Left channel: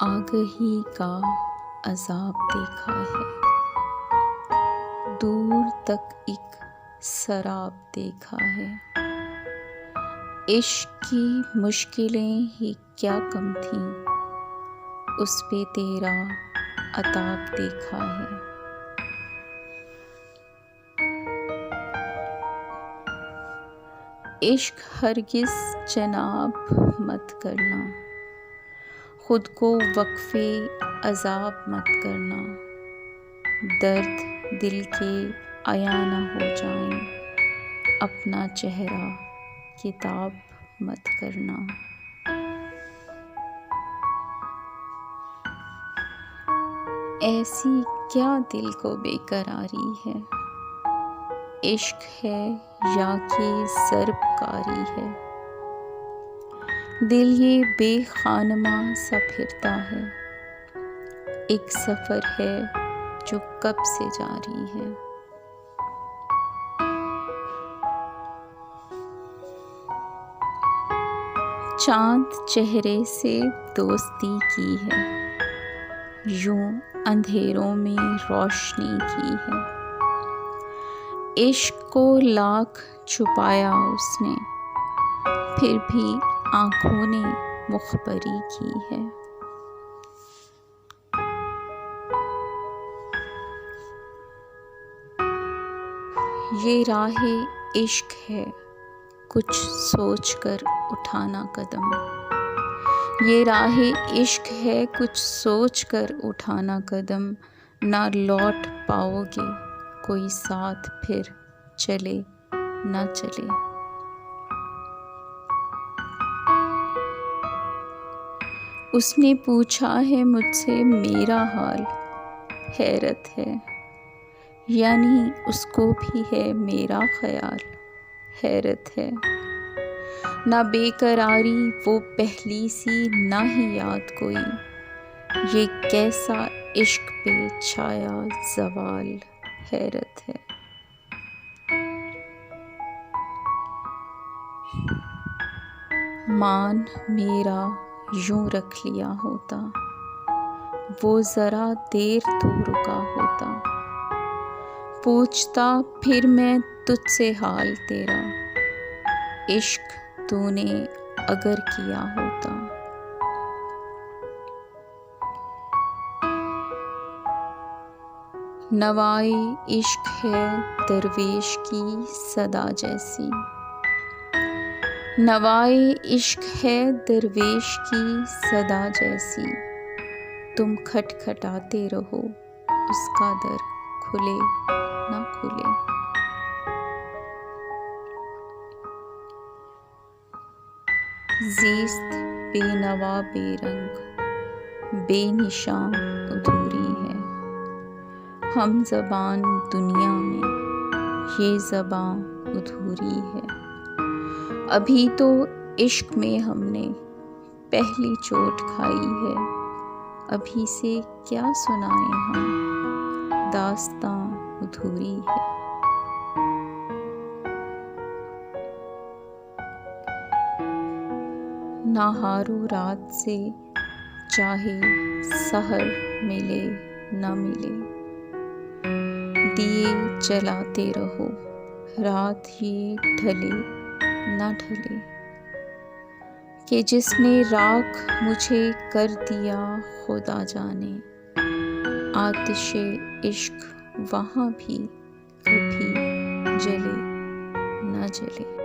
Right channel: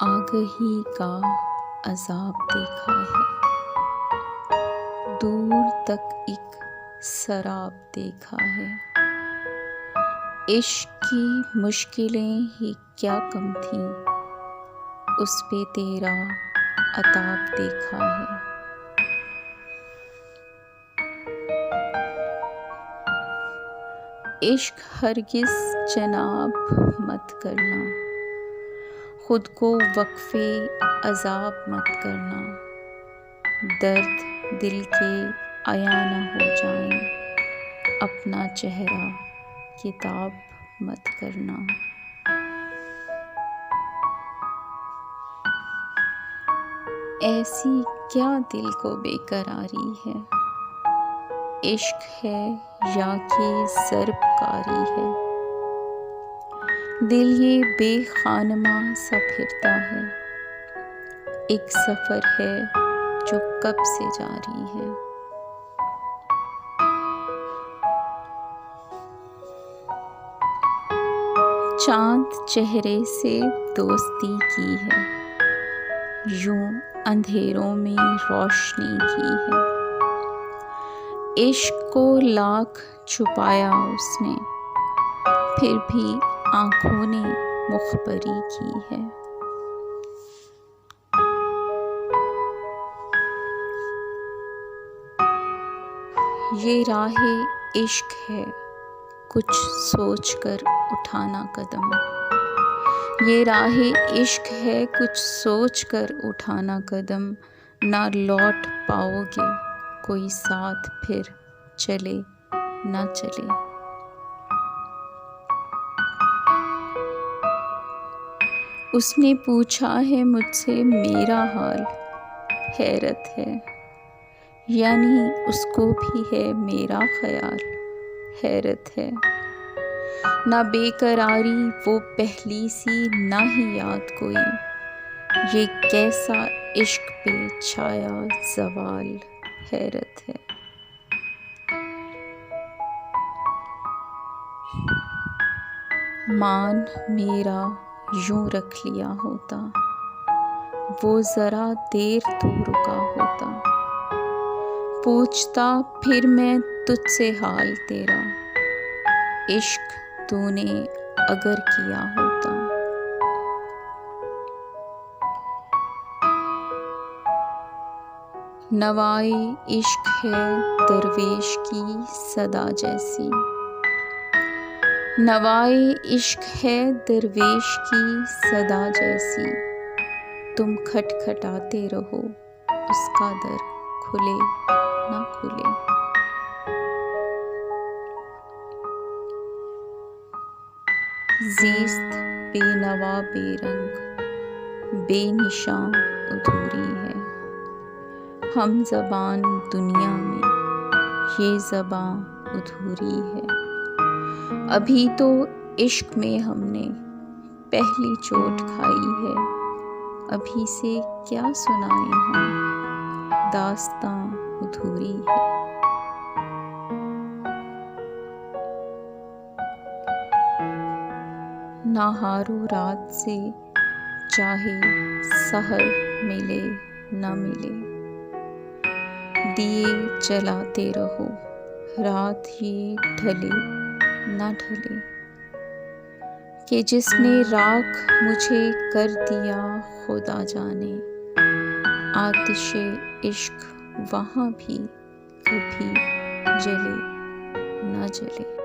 आगही का अज़ाब देखा है, दूर तक एक सराब देखा है। इश्क की मुश्किलें ही क्या कम थीं, उस पे तेरा अताब देखा है। इश्क हरगिज़ जनाब मत करना, खुद को वक्फ़े अज़ाब मत करना। दर्द दिल के आया न हो जाएं, अपना चेहरा किताब मत करना। ऐसी क्या दिल को बेकरारी है, इश्क है या कि ज़रबकारी है। दिल ये बेखानमा सा फिरता है, एक सफ़र है जो कब से जारी है। चाँद चेहरे से दोस्ती की है, यूं अंधेरों में रोशनी की है। इश्क को लाख छुपाया उसने, फिर भी आँखों ने मुखबरी की है। ये राहे इश्क है, कुछ सोच कर उठाना कदम। ये राहे इश्क है, कुछ सोच कर उठाना कदम। ना लौट पाओगे कोई साथ, फिर चले ना चले। उसने पूछा है मुझसे मेरा हाल, हैरत है, यानी उसको भी है मेरा ख्याल, हैरत है। ना बेकरारी वो पहली सी, ना ही याद कोई, ये कैसा इश्क पे छाया ज़वाल, हैरत है। मान मेरा यूं रख लिया होता, वो ज़रा देर तो रुका होता। पूछता फिर मैं तुझसे हाल तेरा, इश्क तूने अगर किया होता। नवाए इश्क है दरवेश की सदा जैसी। नवाए इश्क है दरवेश की सदा जैसी। तुम खटखटाते रहो, उसका दर खुले ना खुले। ज़ीस्त बेनवा बेरंग बेनिशां अधूरी है। हम ज़बान दुनिया में ये ज़बां अधूरी है। अभी तो इश्क में हमने पहली चोट खाई है, अभी से क्या सुनाएं हम, दास्तां अधूरी है। ना हारो रात से चाहे सहर मिले न मिले। दिए जलाते रहो, रात ये ढले न ढले। कि जिसने राख मुझे कर दिया खुदा जाने, आतिशे इश्क वहाँ भी कभी जले न जले।